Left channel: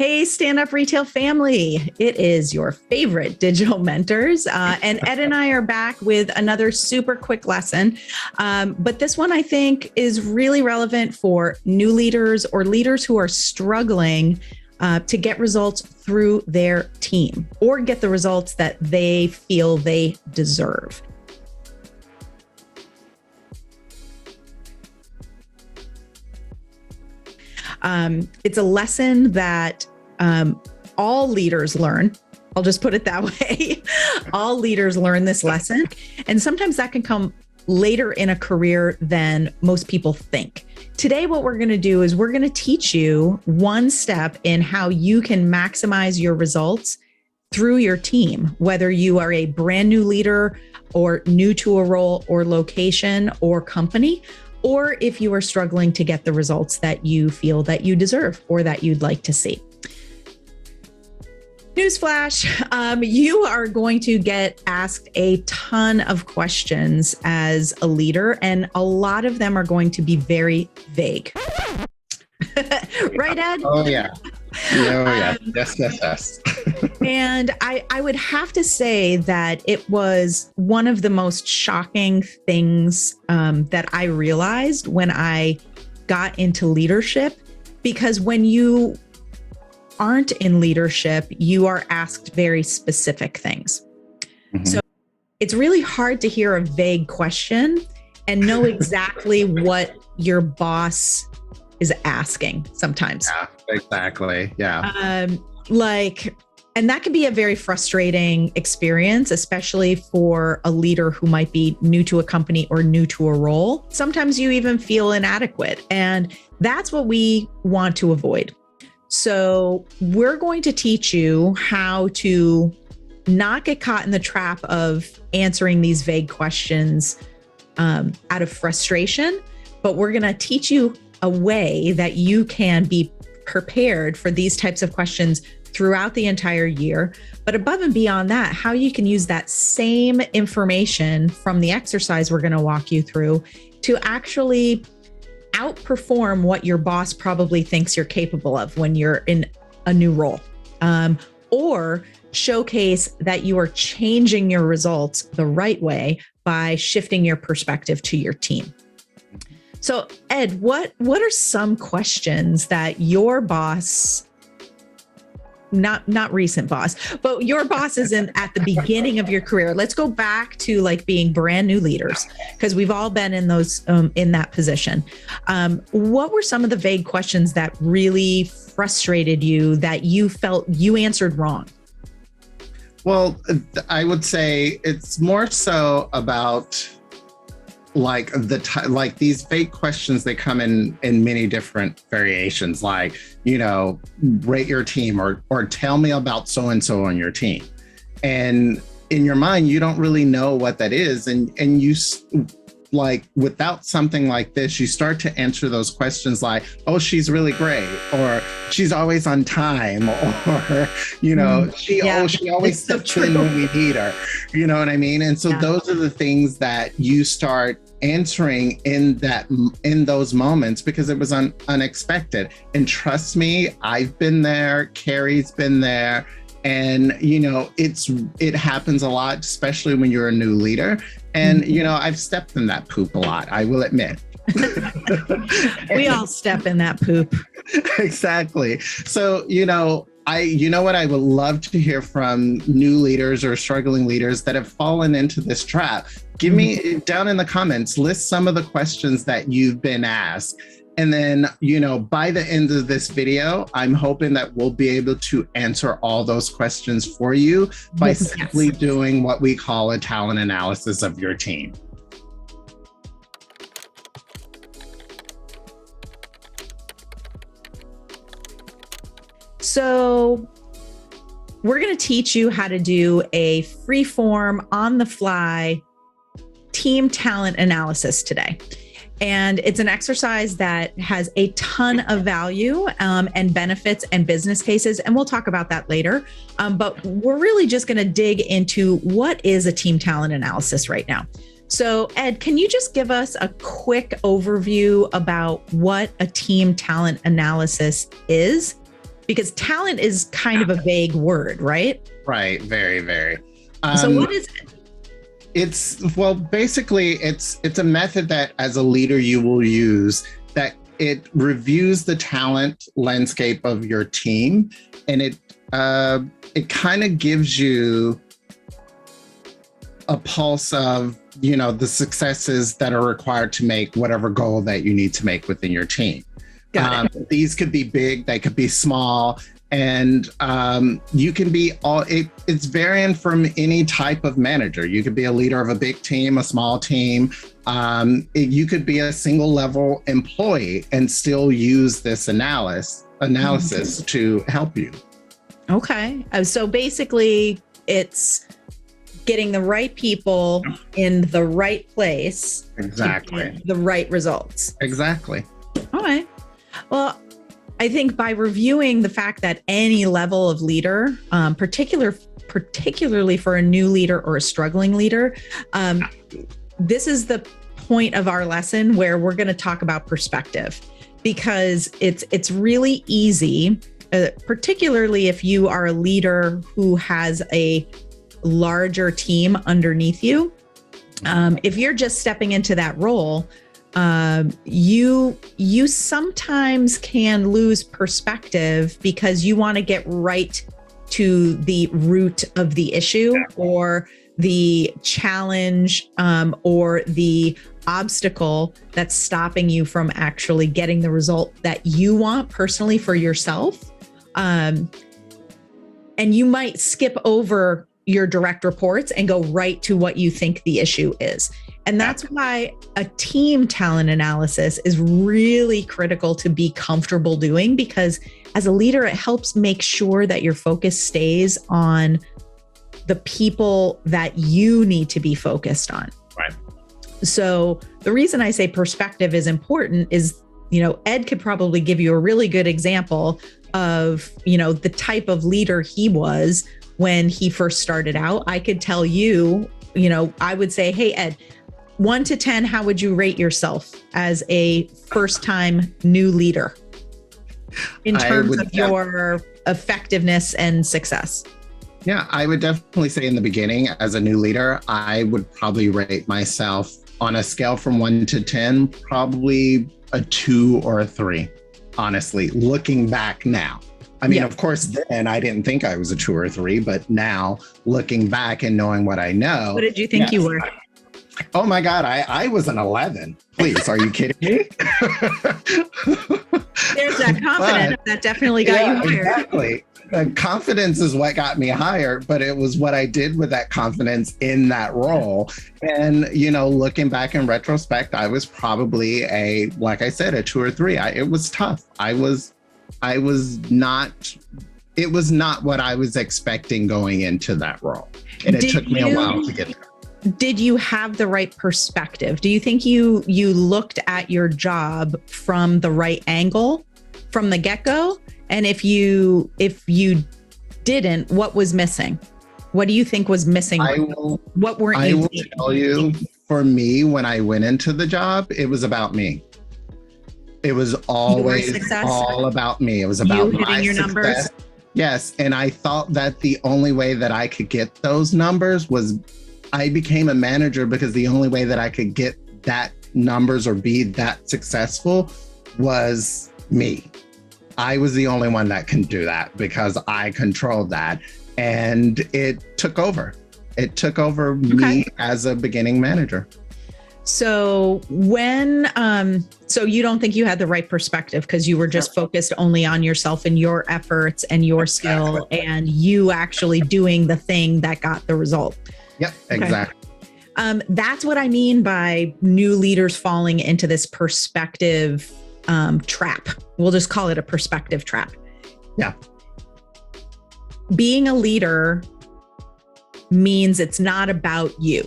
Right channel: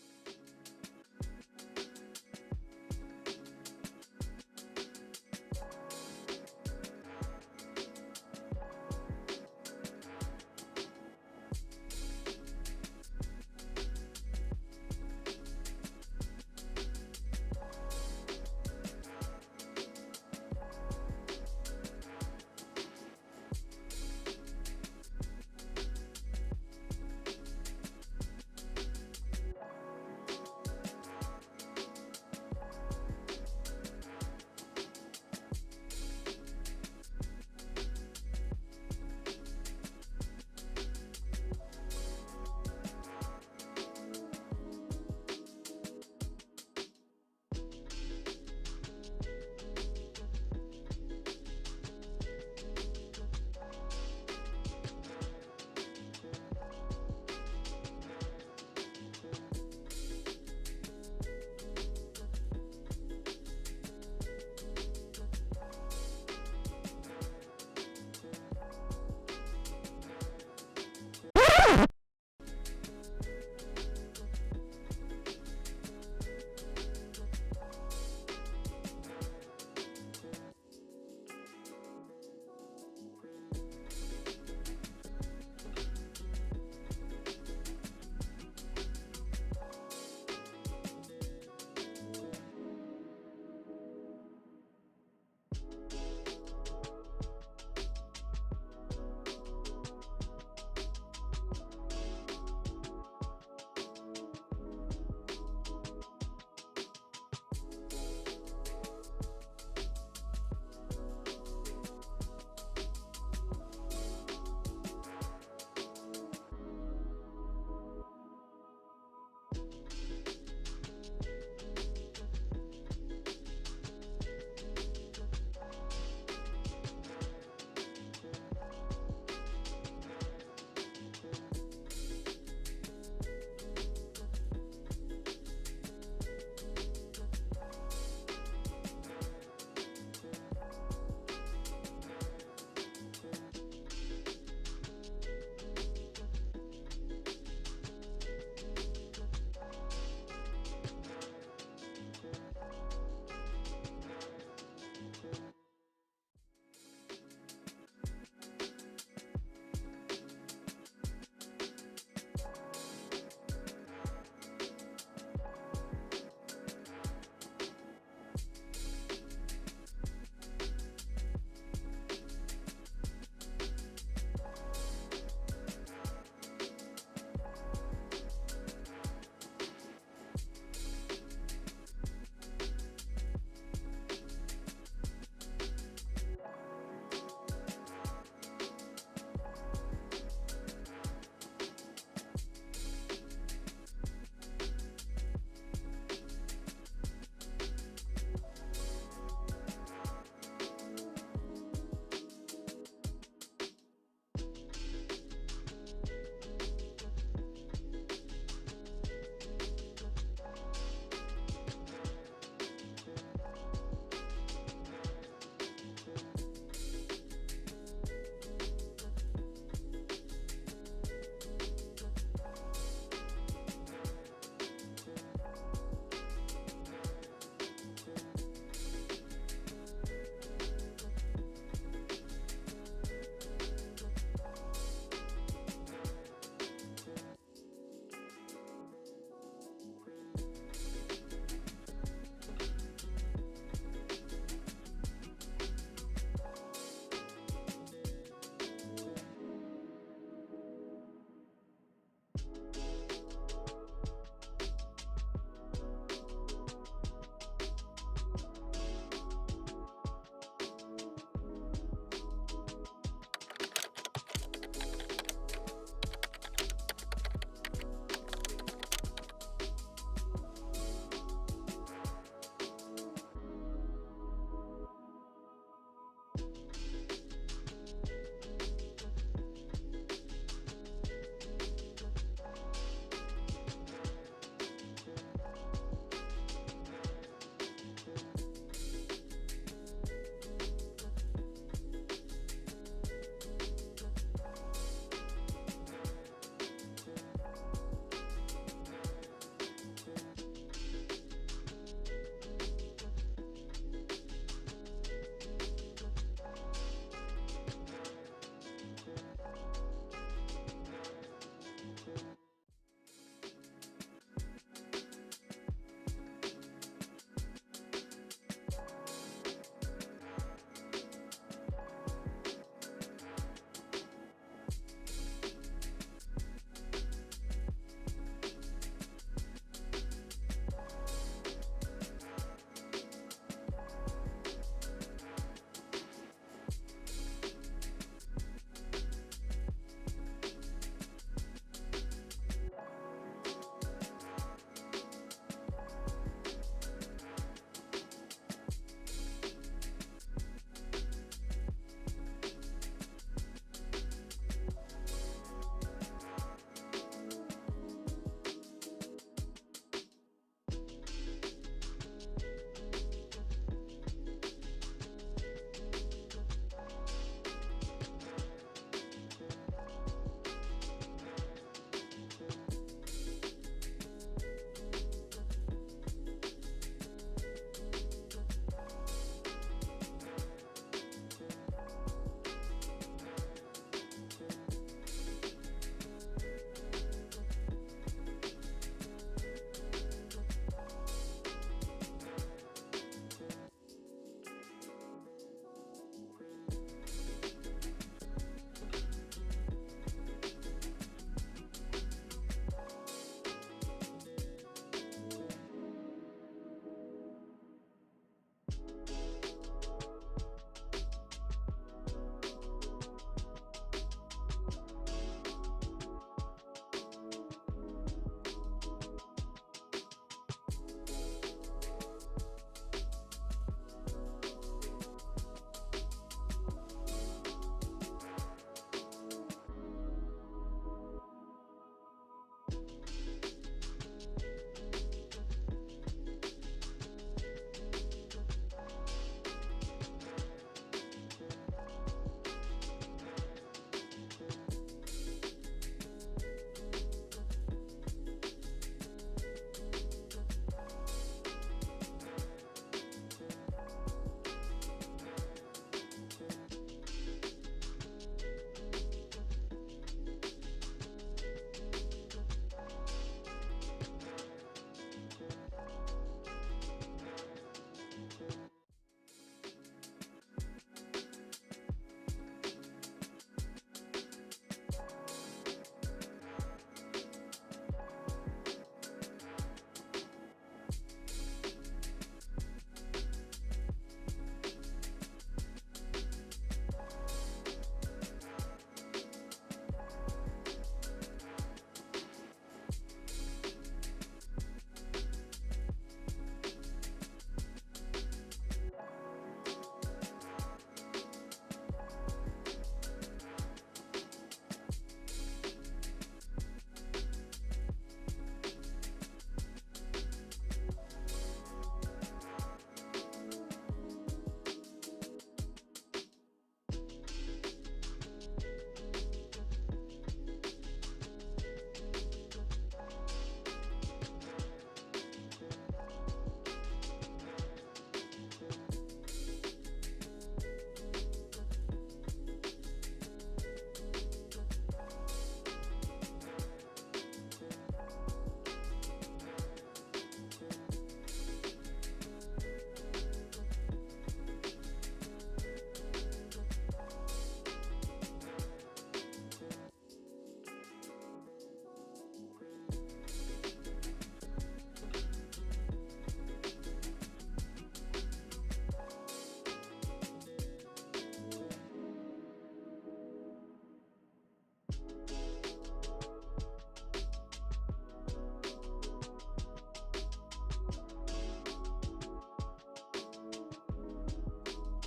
Hey, Stand Up Retail family. It is your favorite digital mentors. And Ed and I are back with another super quick lesson. But this one I think is really relevant for new leaders or leaders who are struggling to get results through their team or get the results that they feel they deserve. It's a lesson that all leaders learn. I'll just put it that way. All leaders learn this lesson. And sometimes that can come later in a career than most people think. Today, what we're going to do is we're going to teach you one step in how you can maximize your results through your team, whether you are a brand new leader or new to a role or location or company, or if you are struggling to get the results that you feel that you deserve or that you'd like to see. Newsflash, you are going to get asked a ton of questions as a leader, and a lot of them are going to be very vague. Right, Ed? Oh, yeah. Yes. And I would have to say that it was one of the most shocking things that I realized when I got into leadership, because when you aren't in leadership, you are asked very specific things. Mm-hmm. So it's really hard to hear a vague question and know exactly what your boss is asking sometimes. Yeah, exactly. Yeah. And that can be a very frustrating experience, especially for a leader who might be new to a company or new to a role. Sometimes you even feel inadequate, and that's what we want to avoid. So we're going to teach you how to not get caught in the trap of answering these vague questions out of frustration, but we're going to teach you a way that you can be prepared for these types of questions throughout the entire year. But above and beyond that, how you can use that same information from the exercise we're going to walk you through to actually outperform what your boss probably thinks you're capable of when you're in a new role, or showcase that you are changing your results the right way by shifting your perspective to your team. So, Ed, what are some questions that your boss, not recent boss, but your boss is at the beginning of your career? Let's go back to like being brand new leaders, because we've all been in those in that position. What were some of the vague questions that really frustrated you that you felt you answered wrong? Well, I would say it's more so about like these vague questions. They come in many different variations, like, rate your team or tell me about so-and-so on your team. And in your mind, you don't really know what that is. And you, like, without something like this, you start to answer those questions like, oh, she's really great, or she's always on time, or, she always steps in when we need her. You know what I mean? And so those are the things that you start answering in those moments, because it was unexpected. And trust me, I've been there, Carrie's been there, and it happens a lot, especially when you're a new leader. And I've stepped in that poop a lot, I will admit. We all step in that poop. Exactly. So, what I would love to hear from new leaders or struggling leaders that have fallen into this trap. Give me down in the comments, list some of the questions that you've been asked. And then, by the end of this video, I'm hoping that we'll be able to answer all those questions for you by simply doing what we call a talent analysis of your team. So we're going to teach you how to do a Freeform, on-the-fly team talent analysis today. And it's an exercise that has a ton of value and benefits and business cases. And we'll talk about that later. But we're really just going to dig into what is a team talent analysis right now. So Ed, can you just give us a quick overview about what a team talent analysis is? Because talent is kind of a vague word, right? Right. Very, very. So what is it? Basically it's a method that as a leader you will use, that it reviews the talent landscape of your team, and it kind of gives you a pulse of, the successes that are required to make whatever goal that you need to make within your team. Got it. These could be big, they could be small, and you can be it's varying from any type of manager. You could be a leader of a big team, a small team. You could be a single level employee and still use this analysis to help you. Okay. So basically it's getting the right people in the right place. Exactly. To get the right results. Exactly. All right. Well, I think by reviewing the fact that any level of leader, particularly for a new leader or a struggling leader, this is the point of our lesson where we're going to talk about perspective, because it's really easy, particularly if you are a leader who has a larger team underneath you. If you're just stepping into that role, you sometimes can lose perspective because you want to get right to the root of the issue or the challenge, or the obstacle that's stopping you from actually getting the result that you want personally for yourself. And you might skip over your direct reports and go right to what you think the issue is. And that's why a team talent analysis is really critical to be comfortable doing, because as a leader, it helps make sure that your focus stays on the people that you need to be focused on. Right. So the reason I say perspective is important is, Ed could probably give you a really good example of, the type of leader he was when he first started out. I could tell you, I would say, hey, Ed, 1 to 10, how would you rate yourself as a first-time new leader in terms of your effectiveness and success? Yeah, I would definitely say in the beginning, as a new leader, I would probably rate myself on a scale from 1 to 10, probably a 2 or a 3, honestly, looking back now. I mean, Of course, then I didn't think I was a 2 or 3, but now looking back and knowing what I know. What did you think you were? Oh my God, I was an 11. Please, are you kidding me? There's that confidence that definitely got you higher. Exactly. Confidence is what got me higher, but it was what I did with that confidence in that role. And, looking back in retrospect, I was probably like I said, a 2 or 3. It was tough. It was not what I was expecting going into that role. And it took me a while to get there. Did you have the right perspective? Do you think you looked at your job from the right angle from the get-go? And if you didn't, what was missing? What do you think was missing? What weren't you? I will tell you, for me, when I went into the job, it was about me. It was always all about me. It was about you hitting your success. Numbers. Yes, and I thought that the only way that I could get those numbers was I became a manager because the only way that I could get that numbers or be that successful was me. I was the only one that can do that because I controlled that, and it took over. It took over me as a beginning manager. So so you don't think you had the right perspective because you were just focused only on yourself and your efforts and your skill and you actually doing the thing that got the result. Yep, exactly. That's what I mean by new leaders falling into this perspective trap. We'll just call it a perspective trap. Yeah. Being a leader means it's not about you.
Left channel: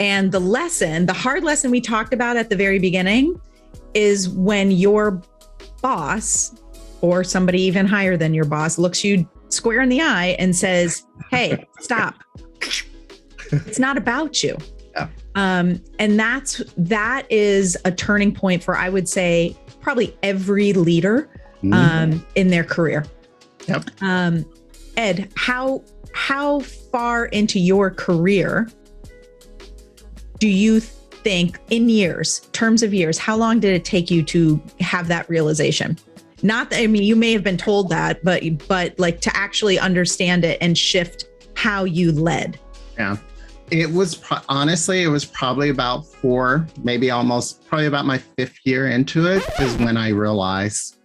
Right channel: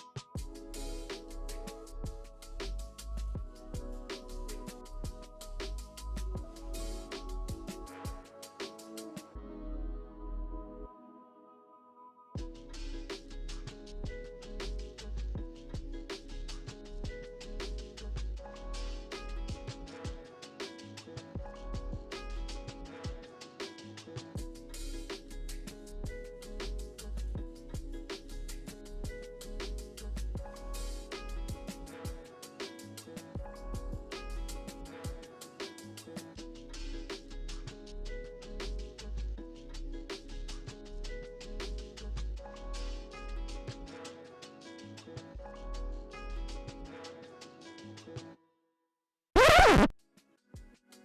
And the hard lesson we talked about at the very beginning is when your boss or somebody even higher than your boss looks you square in the eye and says, hey, stop. It's not about you. Yeah. And that is a turning point for, I would say, probably every leader in their career. Yep. Ed, how far into your career do you think, in years, terms of years, how long did it take you to have that realization? Not that, I mean, you may have been told that, but like to actually understand it and shift how you led. Yeah. It was honestly, it was probably about probably about my 5th year into it is when I realized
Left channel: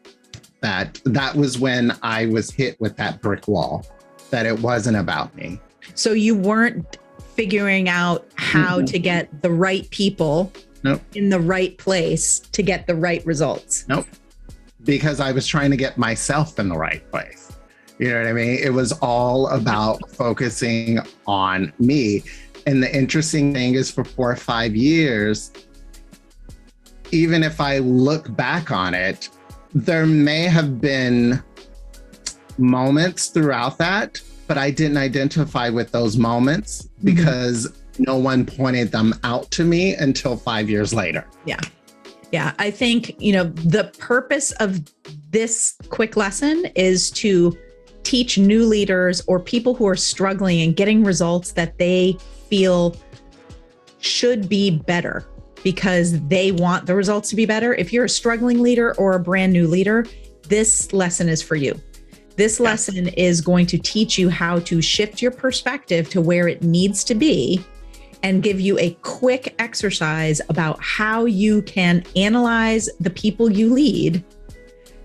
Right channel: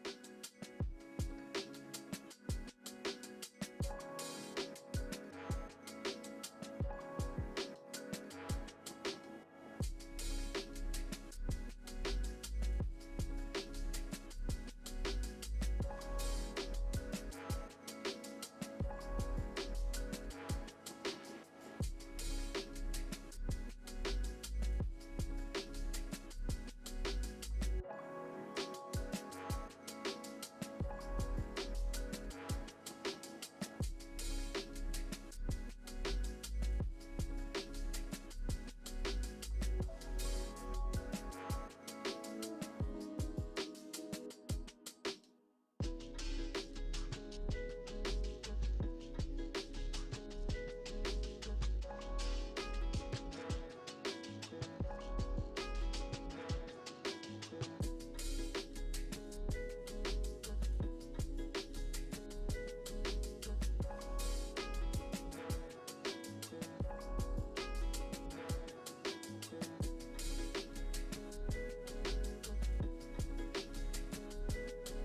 that was when I was hit with that brick wall, that it wasn't about me. So you weren't figuring out how to get the right people in the right place to get the right results. Nope. Because I was trying to get myself in the right place. You know what I mean? It was all about focusing on me. And the interesting thing is, for 4 or 5 years, even if I look back on it, there may have been moments throughout that, but I didn't identify with those moments because no one pointed them out to me until 5 years later. Yeah. Yeah. I think, the purpose of this quick lesson is to teach new leaders or people who are struggling and getting results that they feel should be better because they want the results to be better. If you're a struggling leader or a brand new leader, this lesson is for you. This lesson is going to teach you how to shift your perspective to where it needs to be and give you a quick exercise about how you can analyze the people you lead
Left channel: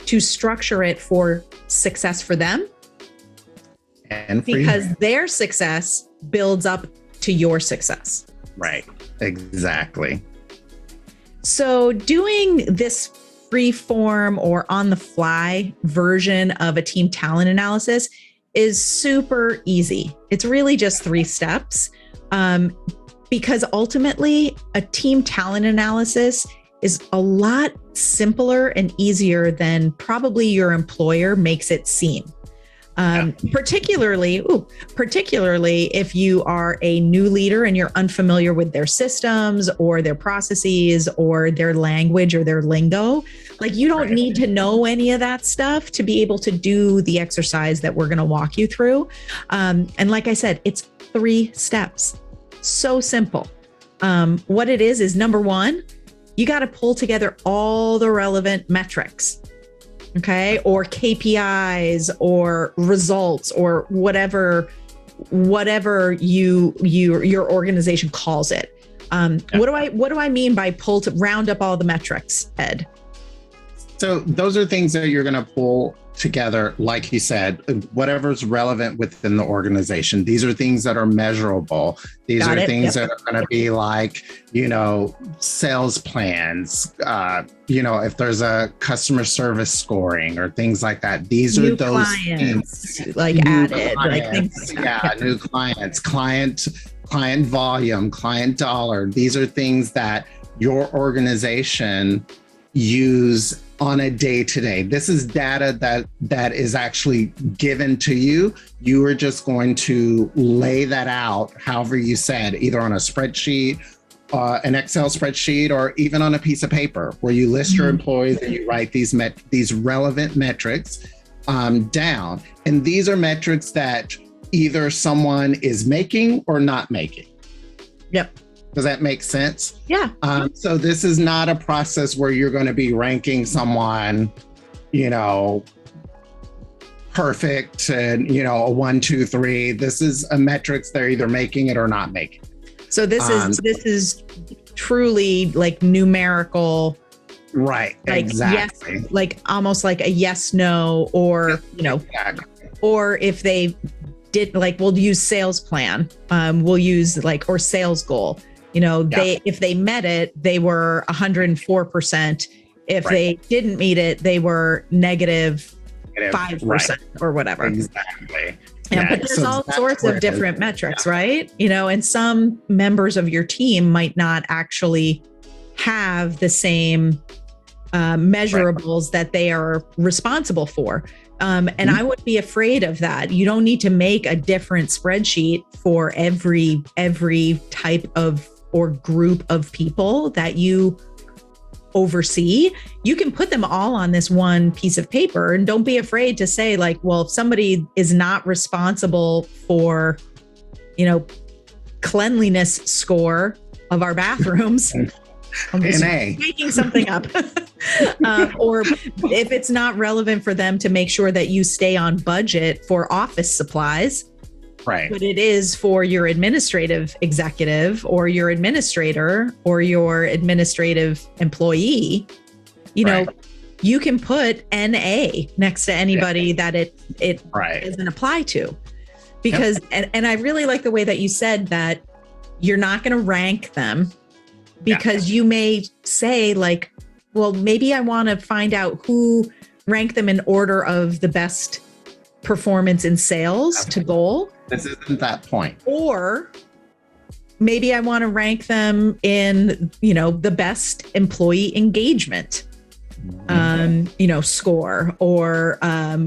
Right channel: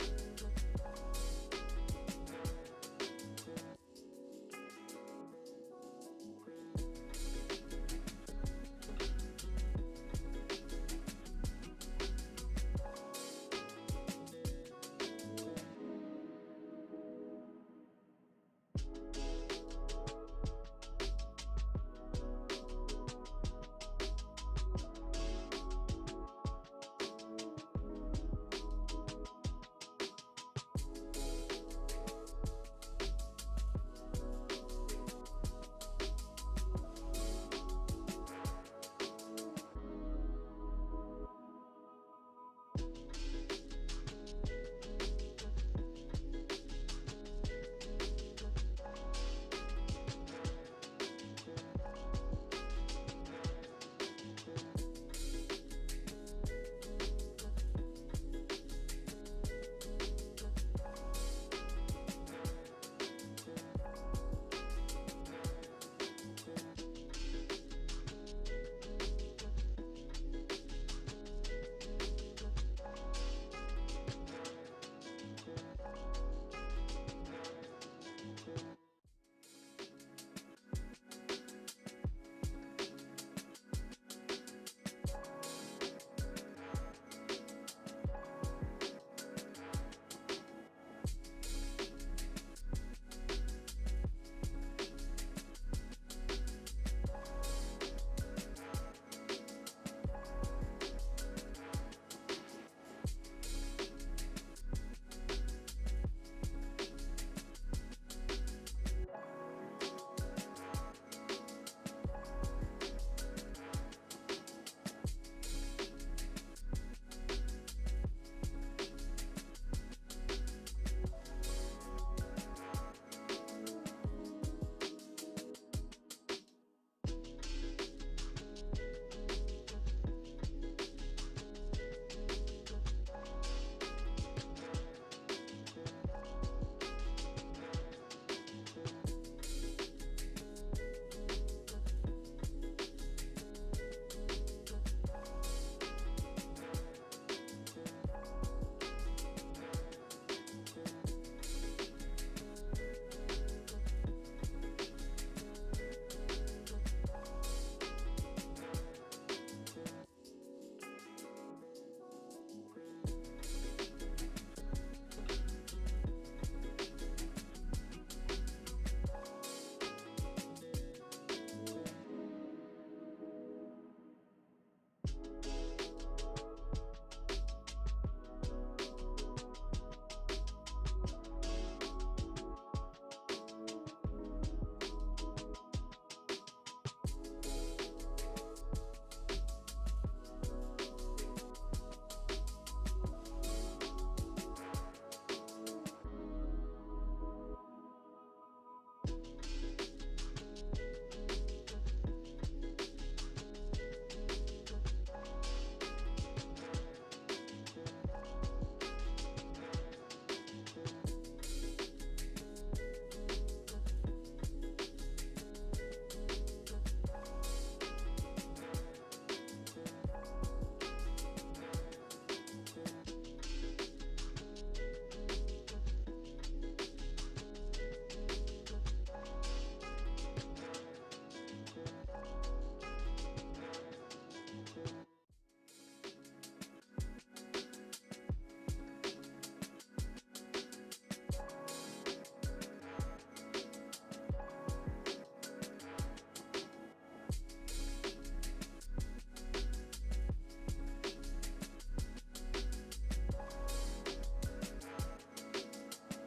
to structure it for success for them. And because their success builds up to your success. Right. Exactly. So doing this Freeform or on the fly version of a team talent analysis is super easy. It's really just 3 steps. Because ultimately a team talent analysis is a lot simpler and easier than probably your employer makes it seem. Particularly if you are a new leader and you're unfamiliar with their systems or their processes or their language or their lingo. Like, you don't need to know any of that stuff to be able to do the exercise that we're going to walk you through. And like I said, it's 3 steps. So simple. What it is number 1, you got to pull together all the relevant metrics. Okay. Or KPIs or results or whatever your organization calls it. What do I mean by round up all the metrics, Ed? So those are things that you're going to pull together, like you said, whatever's relevant within the organization. These are things that are measurable. These are things that are going to be like, sales plans, if there's a customer service scoring or things like that. These are those clients, things. like added, like things like that. New clients, client volume, client dollar. These are things that your organization use on a day-to-day. This is data that is actually given to you. You are just going to lay that out, however you said, either on a spreadsheet, an Excel spreadsheet, or even on a piece of paper where you list your employees and you write these relevant metrics down. And these are metrics that either someone is making or not making. Yep. Does that make sense? Yeah. So this is not a process where you're going to be ranking someone, perfect and, a 1, 2, 3. This is a metrics they're either making it or not making. So this is truly like numerical. Right. Like exactly. Yes, like almost like a yes, no, or, exactly. Or if they did, like, we'll use sales plan. We'll use or sales goal. If they met it, they were 104%. If they didn't meet it, they were negative 5% or whatever. Exactly. But there's all sorts of different metrics, right? And some members of your team might not actually have the same measurables that they are responsible for. And I would be afraid of that. You don't need to make a different spreadsheet for every type of or group of people that you oversee, you can put them all on this one piece of paper, and don't be afraid to say like, well, if somebody is not responsible for, cleanliness score of our bathrooms, I'm just making something up. Or if it's not relevant for them to make sure that you stay on budget for office supplies, right? But it is for your administrative executive or your administrator or your administrative employee, Right. you can put NA next to anybody that it Right. doesn't apply to. Because, and I really like the way that you said that you're not going to rank them, because you may say like, well, maybe I want to find out who rank them in order of the best performance in sales to goal. This isn't that point. Or maybe I want to rank them in, the best employee engagement, score or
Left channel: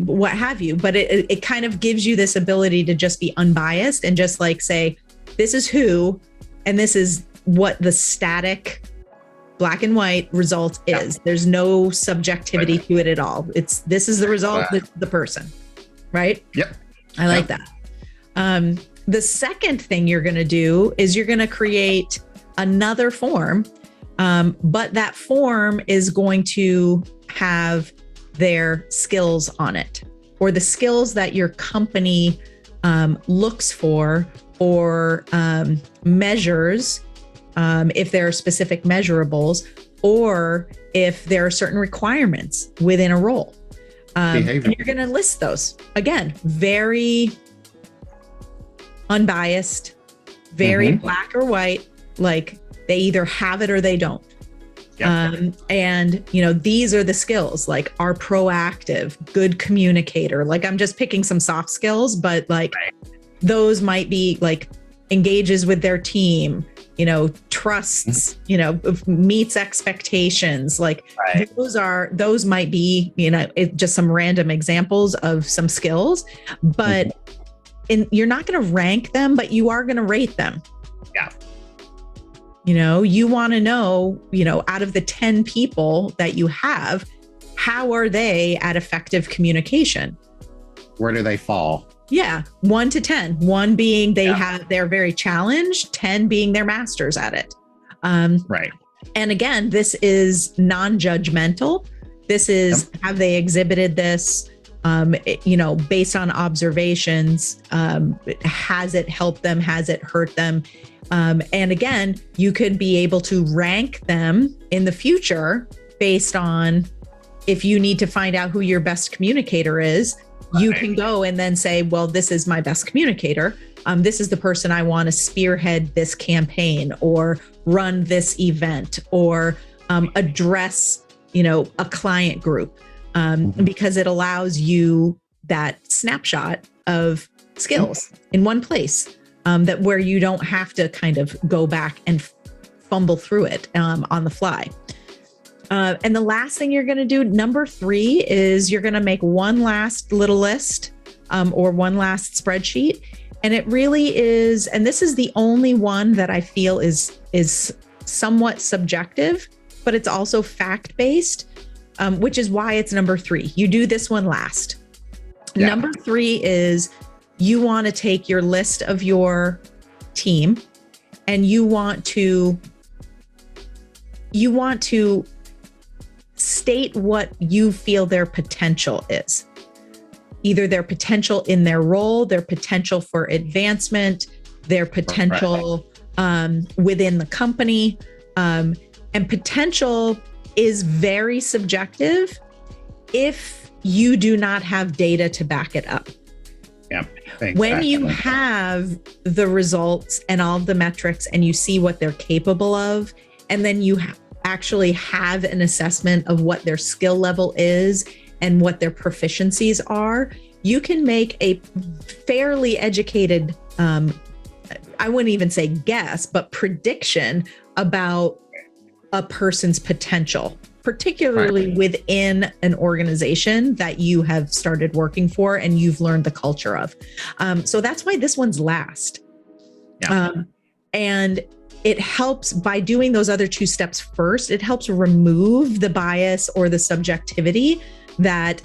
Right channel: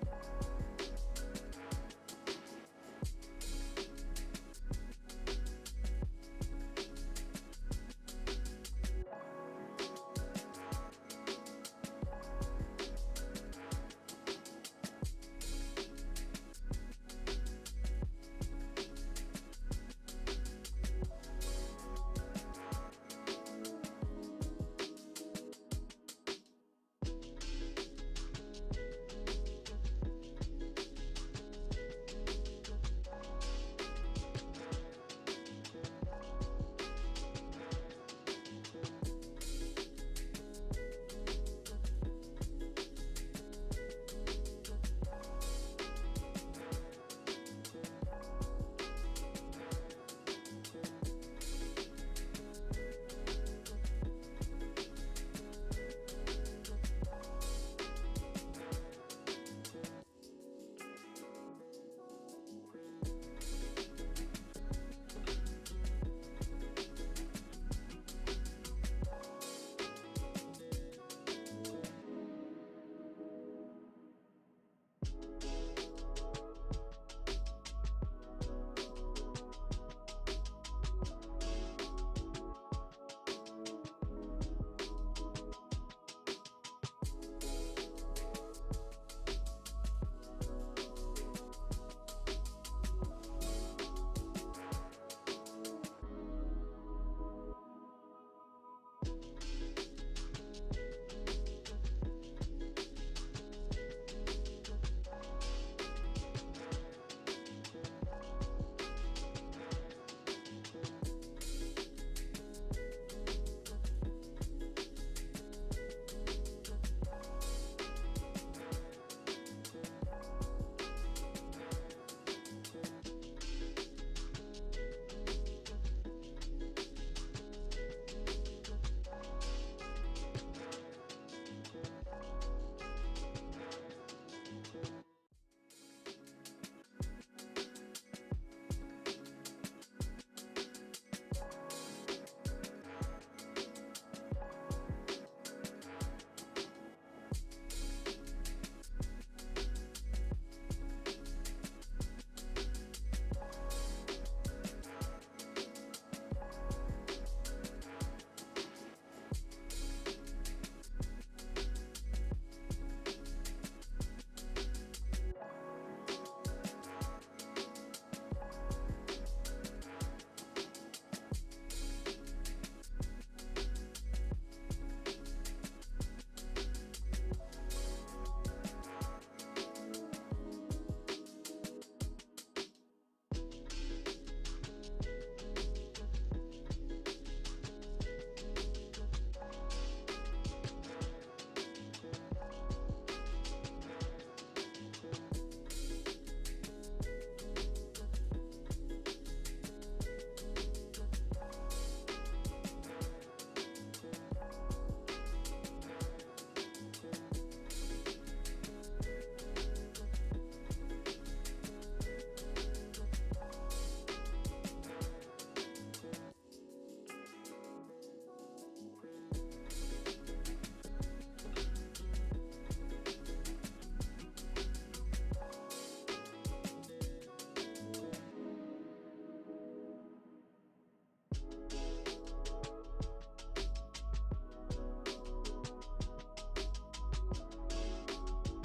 what have you. But it kind of gives you this ability to just be unbiased and just like say, this is who, and this is what the static black and white result is. There's no subjectivity to it at all. This is the result, the person, right? Yep. I like that. The second thing you're going to do is you're going to create another form, but that form is going to have their skills on it, or the skills that your company looks for or measures, if there are specific measurables, or if there are certain requirements within a role. And you're going to list those. Again, very unbiased, very black or white, like they either have it or they don't. Yep. And these are the skills, like are proactive, good communicator. Like I'm just picking some soft skills, but like those might be like engages with their team, trusts, meets expectations. Like those might be, just some random examples of some skills, but you're not going to rank them, but you are going to rate them. Yeah. You want to know, out of the 10 people that you have, how are they at effective communication? Where do they fall? Yeah. 1 to 10, 1 being they're very challenged, 10 being they're masters at it. Right. And again, this is non-judgmental. This is, have they exhibited this, based on observations? Has it helped them? Has it hurt them? And again, you could be able to rank them in the future based on, if you need to find out who your best communicator is, you can go and then say, well, this is my best communicator. This is the person I want to spearhead this campaign or run this event or address, a client group, because it allows you that snapshot of skills in one place, that where you don't have to kind of go back and fumble through it on the fly. And the last thing you're going to do, number 3, is you're going to make one last little list or one last spreadsheet. And it really is, and this is the only one that I feel is somewhat subjective, but it's also fact-based, which is why it's number 3. You do this one last. Yeah. Number 3 is you want to take your list of your team and you want to state what you feel their potential is. Either their potential in their role, their potential for advancement, their potential within the company. And potential is very subjective if you do not have data to back it up. Yeah. Exactly. When you have the results and all the metrics and you see what they're capable of, and then you actually have an assessment of what their skill level is and what their proficiencies are, you can make a fairly educated, I wouldn't even say guess, but prediction about a person's potential, particularly within an organization that you have started working for and you've learned the culture of. So that's why this one's last. Yeah. And it helps by doing those other two steps first, it helps remove the bias or the subjectivity that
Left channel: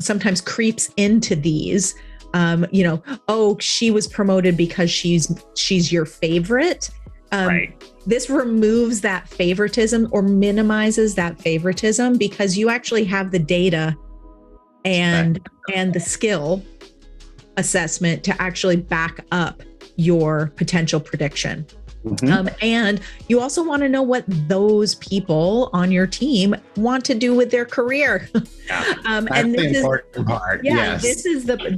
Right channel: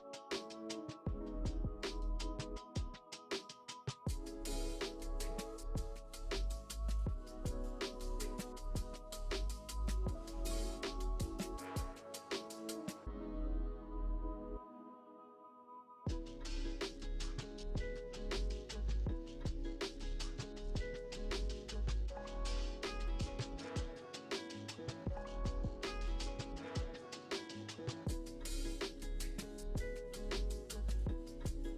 sometimes creeps into these. Oh, she was promoted because she's your favorite. Right. This removes that favoritism or minimizes that favoritism because you actually have the data and the skill assessment to actually back up your potential prediction. Mm-hmm. And you also want to know what those people on your team want to do with their career. Yeah, that's and the important part. Yeah, Yes.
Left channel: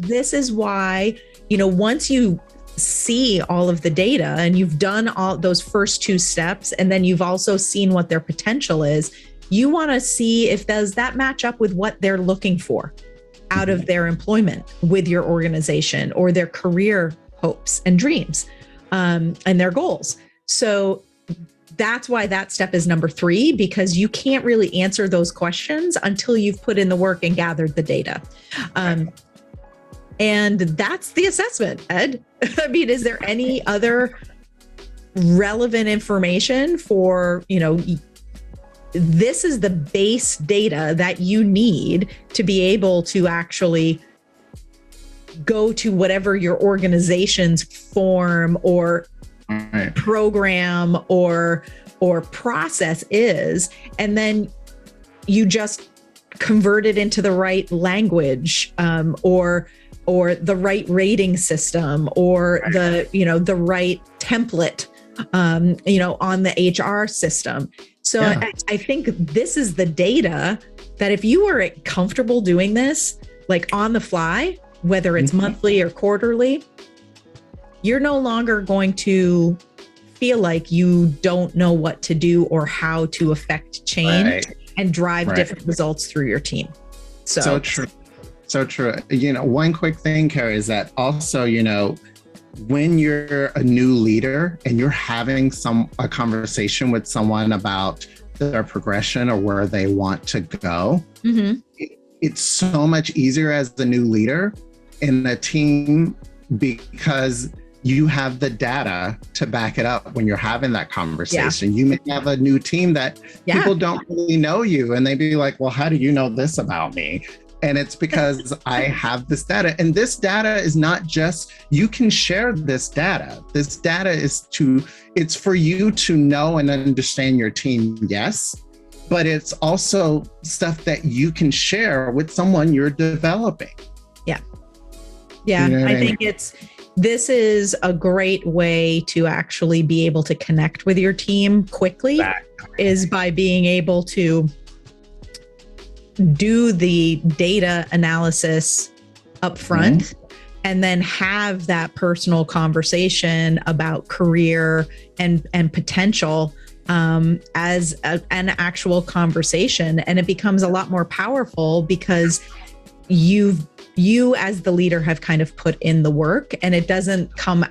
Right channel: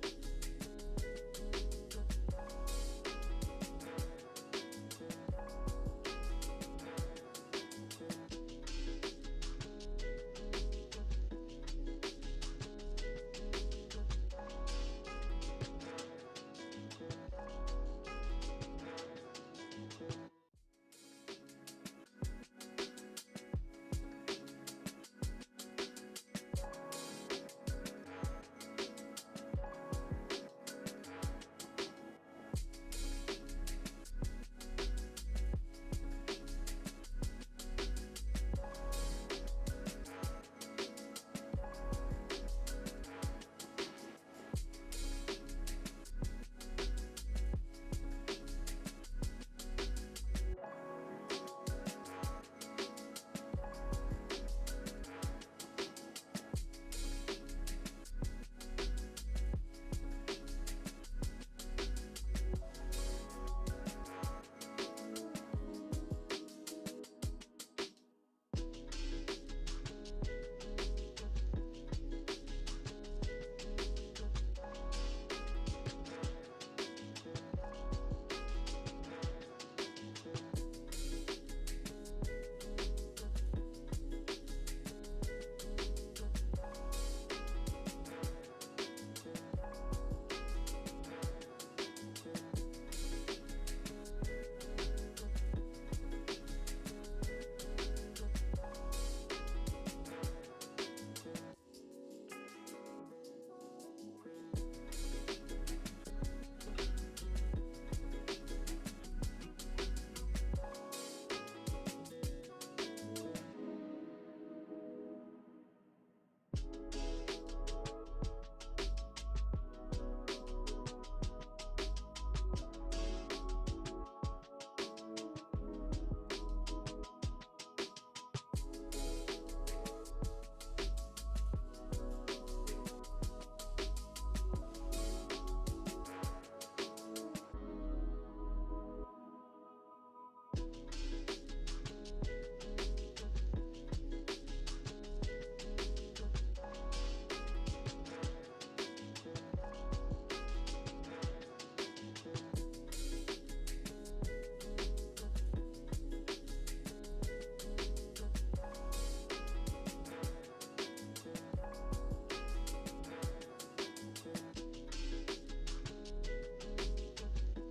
this is why, once you see all of the data and you've done all those first two steps, and then you've also seen what their potential is, you want to see if does that match up with what they're looking for out of their employment with your organization or their career hopes and dreams. And their goals. So that's why that step is number 3, because you can't really answer those questions until you've put in the work and gathered the data. And that's the assessment, Ed. I mean, is there any other relevant information for, this is the base data that you need to be able to actually go to whatever your organization's form or program or process is, and then you just convert it into the right language, or the right rating system, or the right template, on the HR system. So I think this is the data that if you are comfortable doing this, like on the fly, whether it's monthly or quarterly, you're no longer going to feel like you don't know what to do or how to affect change and drive different results through your team. So true. So true. One quick thing, Carrie, is that also, when you're a new leader and you're having a conversation with someone about their progression or where they want to go, it's so much easier as the new leader in a team because you have the data to back it up when you're having that conversation. You may have a new team that people don't really know you, and they'd be like, well, how do you know this about me? And it's because I have this data. And this data is not just, you can share this data. This data it's for you to know and understand your team, yes, but it's also stuff that you can share with someone you're developing. Yeah, I think this is a great way to actually be able to connect with your team quickly, is by being able to do the data analysis up front and then have that personal conversation about career and potential as an actual conversation. And it becomes a lot more powerful because you as the leader have kind of put in the work, and it doesn't come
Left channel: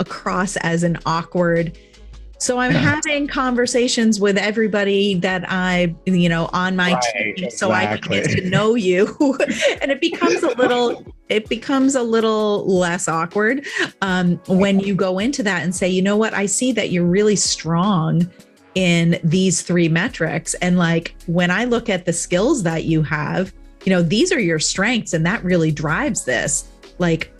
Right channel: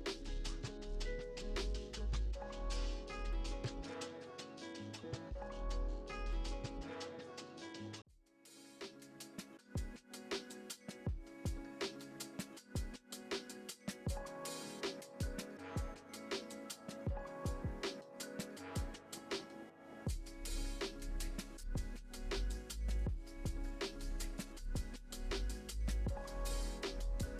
across as an awkward. So I'm having conversations with everybody that I, on my team, so I can get to know you, and it becomes a little less awkward when you go into that and say, you know what, I see that you're really strong in these 3 metrics, and like when I look at the skills that you have, these are your strengths, and that really drives this. Like,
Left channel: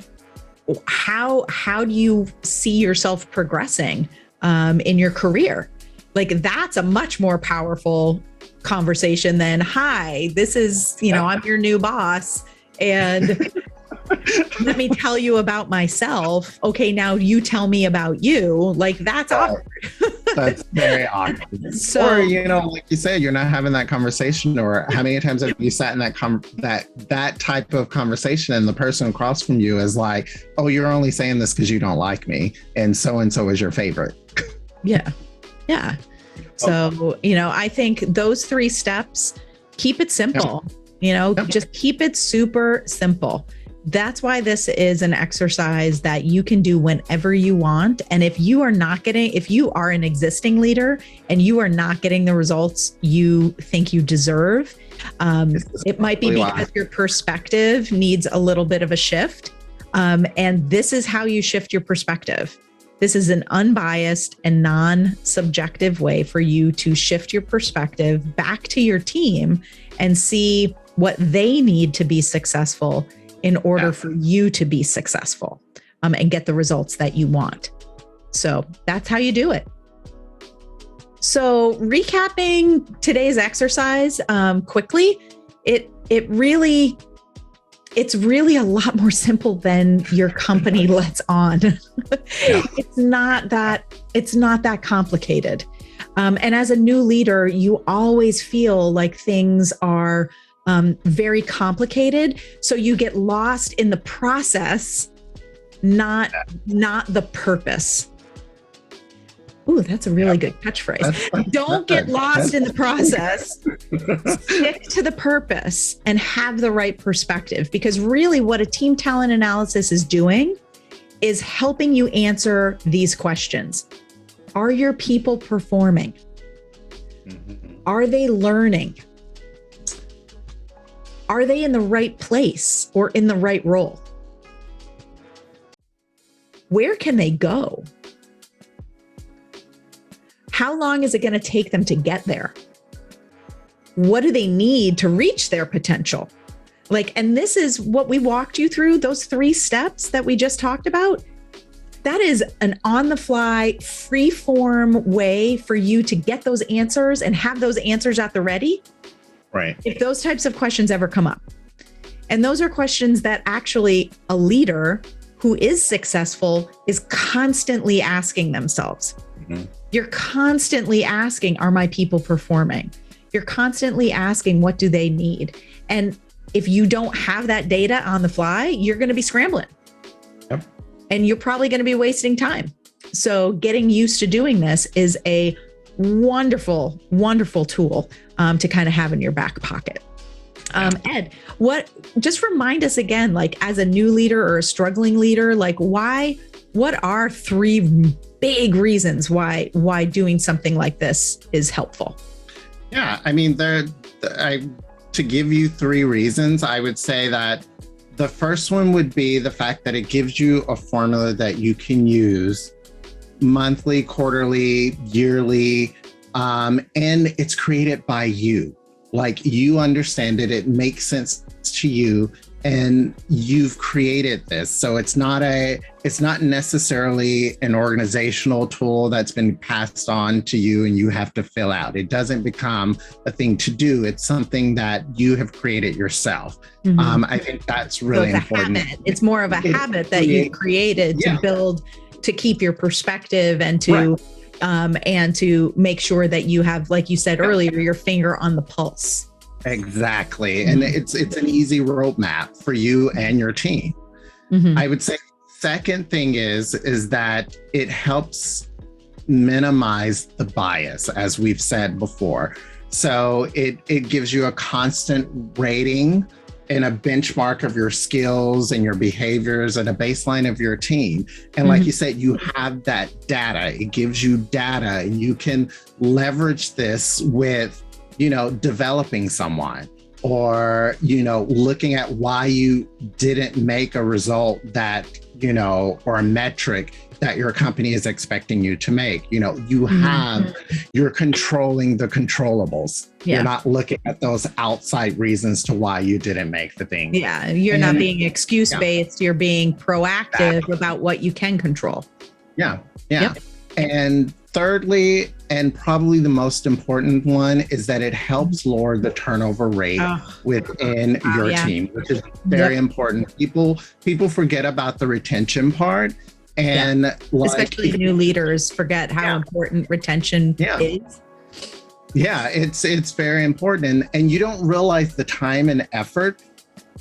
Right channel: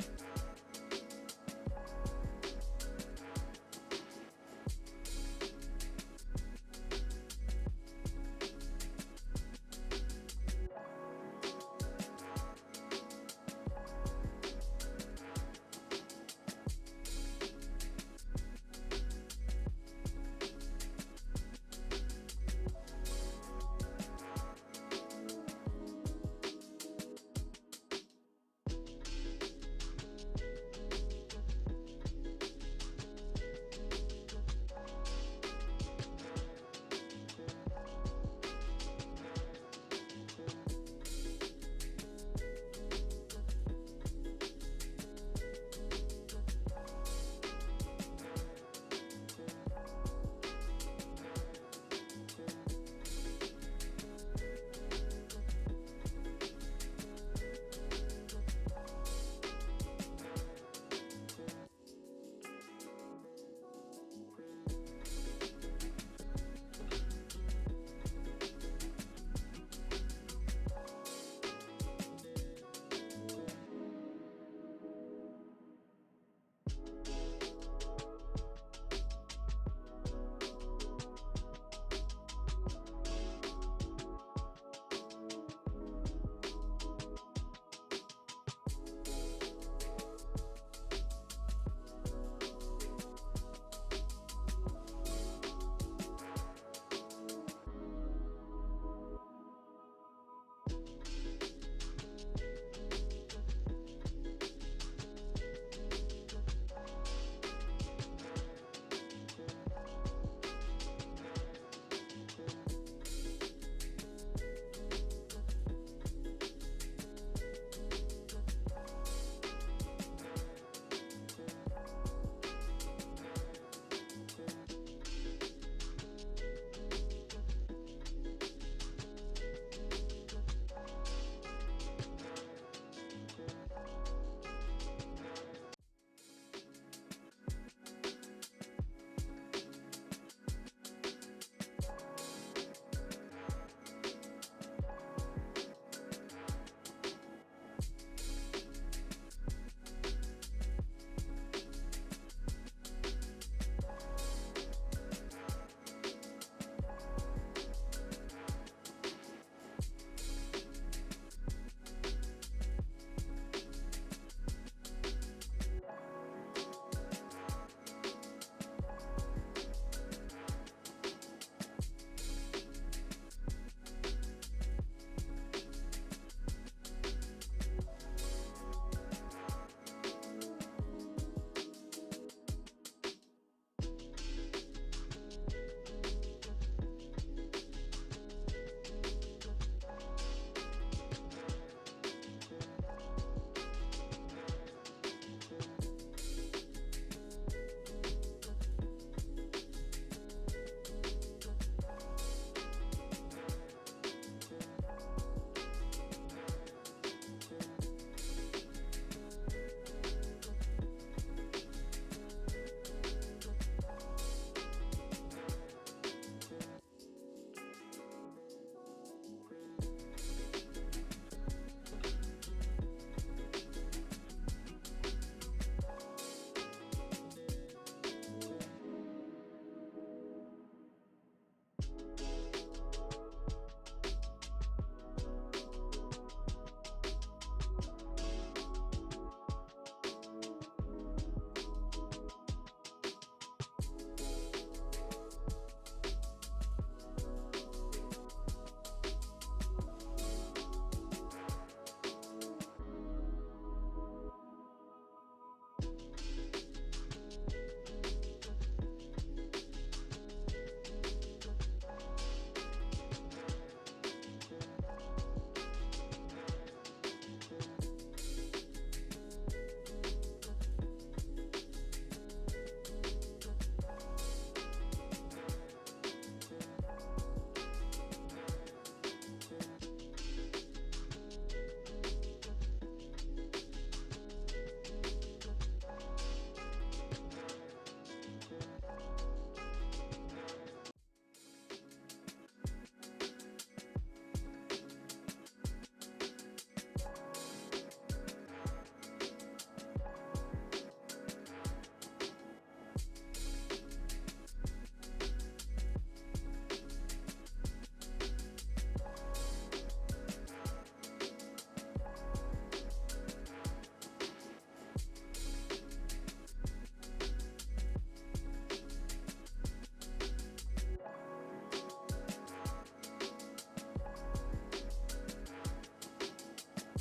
how do you see yourself progressing in your career? Like, that's a much more powerful conversation than, hi, this is, I'm your new boss, and let me tell you about myself. Okay, now you tell me about you. Like, that's awkward. That's very awkward. So, or, like you said, you're not having that conversation. Or how many times have you sat in that type of conversation, and the person across from you is like, oh, you're only saying this because you don't like me, and so is your favorite. Yeah. So, I think those 3 steps, keep it simple. Just keep it super simple. That's why this is an exercise that you can do whenever you want. And if you are an existing leader and you are not getting the results you think you deserve, it might be because your perspective needs a little bit of a shift. And this is how you shift your perspective. This is an unbiased and non-subjective way for you to shift your perspective back to your team and see what they need to be successful in order for you to be successful, and get the results that you want. So that's how you do it. So recapping today's exercise quickly, it's really a lot more simple than your company lets on. It's not that complicated. And as a new leader, you always feel like things are very complicated. So you get lost in the process, not the purpose. Ooh, that's a really good catchphrase. Don't get lost in the process. Stick to the purpose and have the right perspective, because really what a team talent analysis is doing is helping you answer these questions. Are your people performing? Are they learning? Are they in the right place or in the right role? Where can they go? How long is it going to take them to get there? What do they need to reach their potential? And this is what we walked you through, those 3 steps that we just talked about. That is an on-the-fly, free-form way for you to get those answers and have those answers at the ready. Right. If those types of questions ever come up. And those are questions that actually a leader who is successful is constantly asking themselves. You're constantly asking, are my people performing? You're constantly asking, what do they need? And if you don't have that data on the fly, you're going to be scrambling. Yep. And you're probably going to be wasting time. So getting used to doing this is a wonderful, wonderful tool to kind of have in your back pocket. Ed, just remind us again, as a new leader or a struggling leader, what are 3 big reasons why doing something like this is helpful? Yeah, I mean, to give you 3 reasons, I would say that the first one would be the fact that it gives you a formula that you can use monthly, quarterly, yearly, and it's created by you. You understand it, it makes sense to you, and you've created this. So it's not necessarily an organizational tool that's been passed on to you and you have to fill out. It doesn't become a thing to do. It's something that you have created yourself. I think that's really important. Habit. It's more of a habit that you've created to build, to keep your perspective and to make sure that you have, like you said earlier, your finger on the pulse. Exactly. And it's an easy roadmap for you and your team. I would say second thing is that it helps minimize the bias, as we've said before. So it gives you a constant rating and a benchmark of your skills and your behaviors and a baseline of your team. And like you said, you have that data. It gives you data, and you can leverage this with developing someone, or, looking at why you didn't make a result that, or a metric that your company is expecting you to make. You're controlling the controllables. Yeah. You're not looking at those outside reasons to why you didn't make the thing. Yeah. You're not being excuse-based. You're being proactive about what you can control. Yeah. Yep. And thirdly, and probably the most important one, is that it helps lower the turnover rate within your team, which is very important. People forget about the retention part, and especially new leaders forget how important retention is. Yeah, it's very important, and you don't realize the time and effort.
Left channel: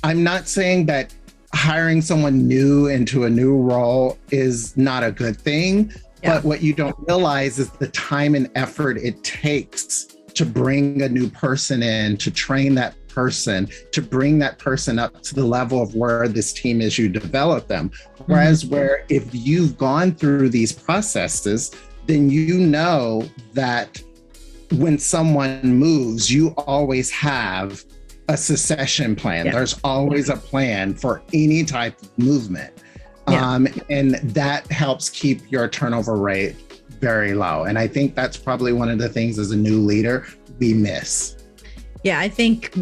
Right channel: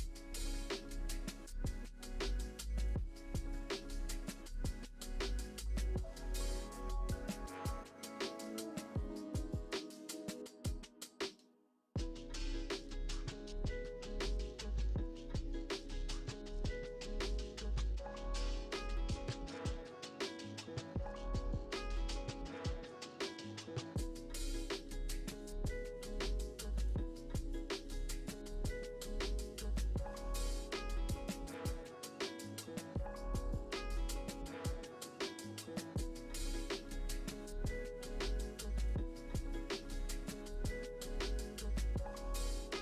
I'm not saying that hiring someone new into a new role is not a good thing. But what you don't realize is the time and effort it takes to bring a new person in, to train that person, to bring that person up to the level of where this team is, you develop them. Whereas where if you've gone through these processes, then you know that when someone moves, you always have a succession plan. There's always a plan for any type of movement. Yeah. And that helps keep your turnover rate very low. And I think that's probably one of the things as a new leader we miss. Yeah, I think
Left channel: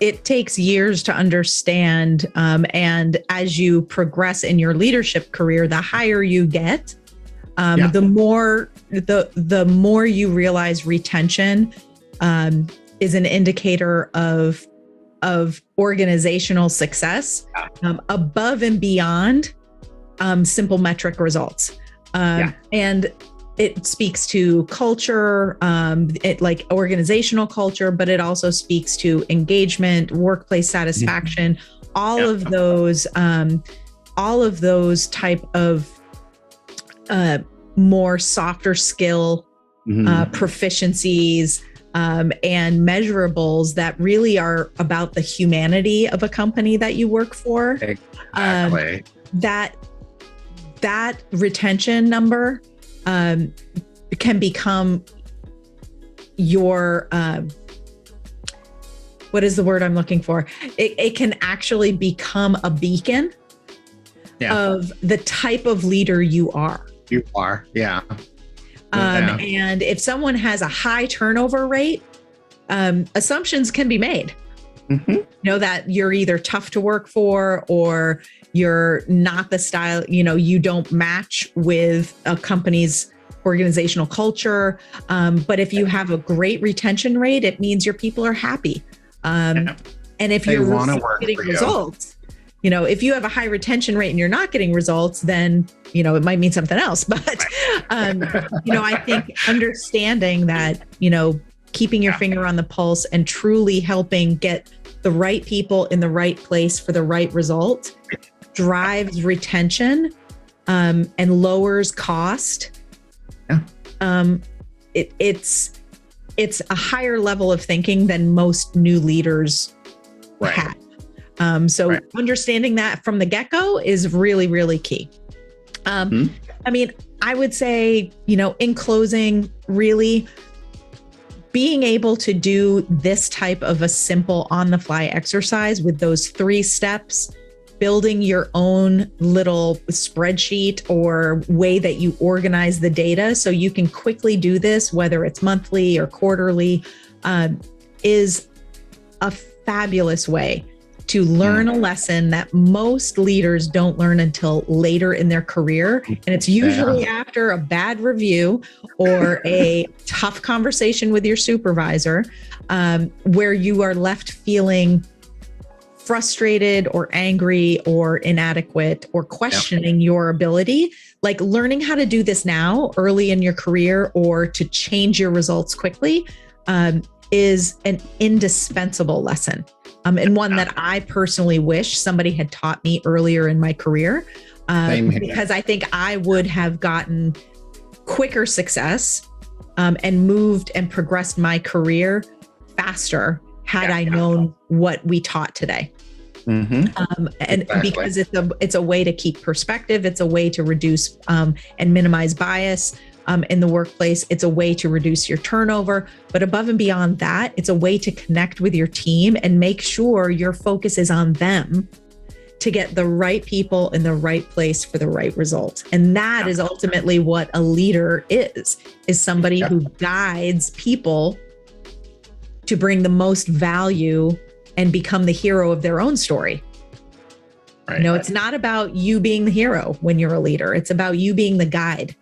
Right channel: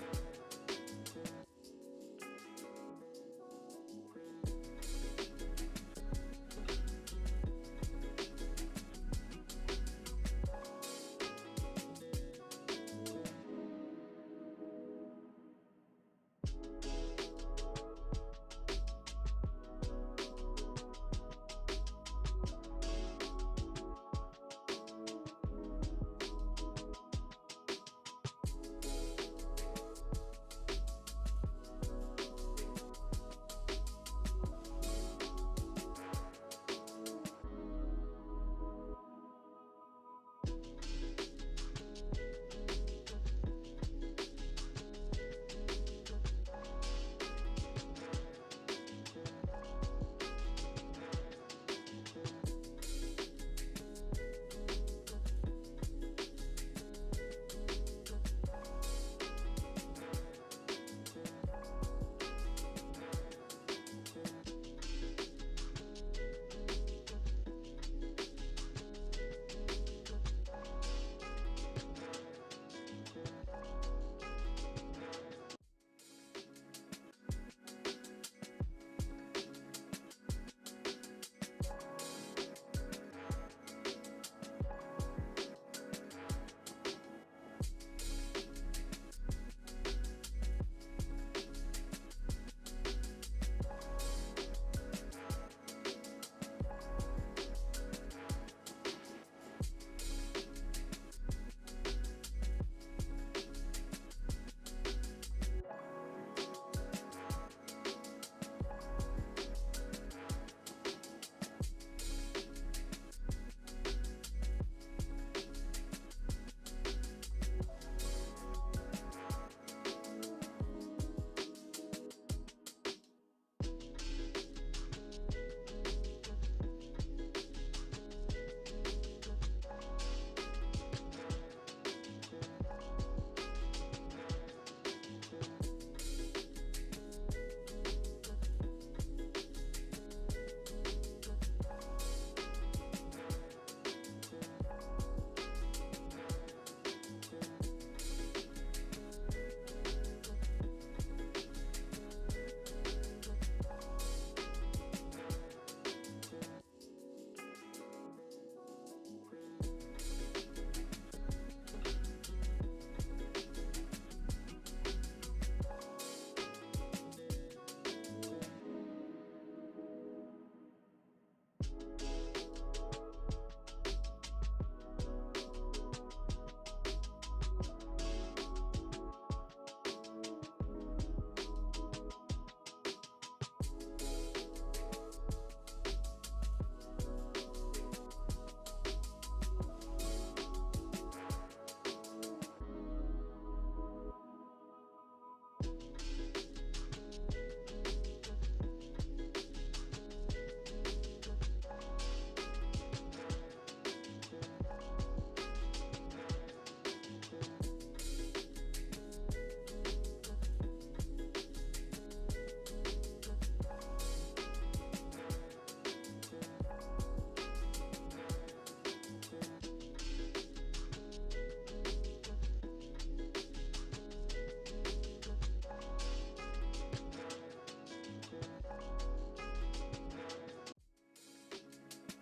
it takes years to understand. And as you progress in your leadership career, the higher you get, the more you realize retention is an indicator of organizational success, above and beyond simple metric results. And it speaks to culture, like organizational culture, but it also speaks to engagement, workplace satisfaction, all of those type of more softer skill proficiencies and measurables that really are about the humanity of a company that you work for. Exactly. That retention number can become your what is the word I'm looking for? It can actually become a beacon of the type of leader you are. You are, yeah. And if someone has a high turnover rate, assumptions can be made. You know, that you're either tough to work for, or you're not the style, you don't match with a company's organizational culture. But if you have a great retention rate, it means your people are happy. And if you're getting results, if you have a high retention rate and you're not getting results, then, it might mean something else. But, I think understanding that, keeping your finger on the pulse and truly helping get the right people in the right place for the right result drives retention and lowers cost. It's a higher level of thinking than most new leaders have. Understanding that from the get-go is really, really key. I mean, I would say, in closing, really being able to do this type of a simple on-the-fly exercise with those 3 steps, building your own little spreadsheet or way that you organize the data so you can quickly do this, whether it's monthly or quarterly, is a fabulous way to learn a lesson that most leaders don't learn until later in their career. And it's usually after a bad review or a tough conversation with your supervisor, where you are left feeling frustrated or angry or inadequate or questioning your ability. Like, learning how to do this now early in your career or to change your results quickly is an indispensable lesson. And one that I personally wish somebody had taught me earlier in my career, because I think I would have gotten quicker success and moved and progressed my career faster had I known what we taught today. Because it's a way to keep perspective, it's a way to reduce and minimize bias in the workplace. It's a way to reduce your turnover, but above and beyond that, it's a way to connect with your team and make sure your focus is on them to get the right people in the right place for the right result. And that is ultimately what a leader is somebody who guides people to bring the most value and become the hero of their own story. It's not about you being the hero when you're a leader. It's about you being the guide.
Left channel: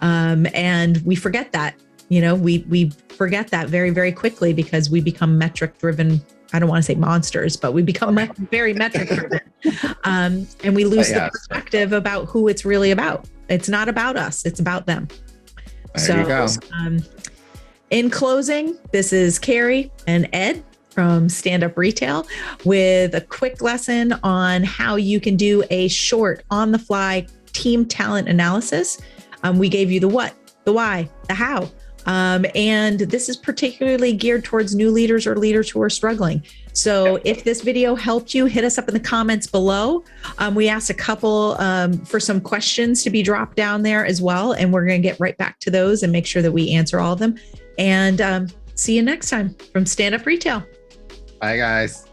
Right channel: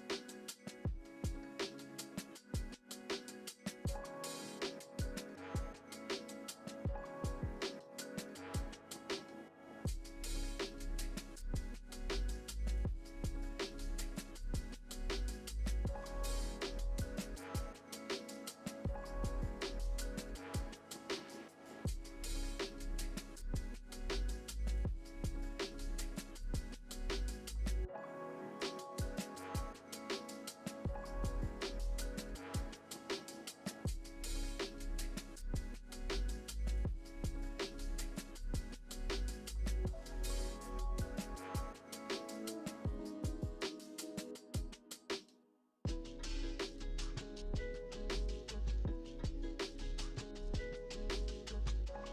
And we forget that, we forget that very, very quickly because we become metric driven. I don't want to say monsters, but we become very metric driven. And we lose the perspective about who it's really about. It's not about us. It's about them. There you go. In closing, this is Carrie and Ed from Stand Up Retail with a quick lesson on how you can do a short on-the-fly team talent analysis. We gave you the what, the why, the how. And this is particularly geared towards new leaders or leaders who are struggling. So if this video helped you, hit us up in the comments below. We asked a couple for some questions to be dropped down there as well. And we're going to get right back to those and make sure that we answer all of them. And see you next time from Stand Up Retail. Bye, guys.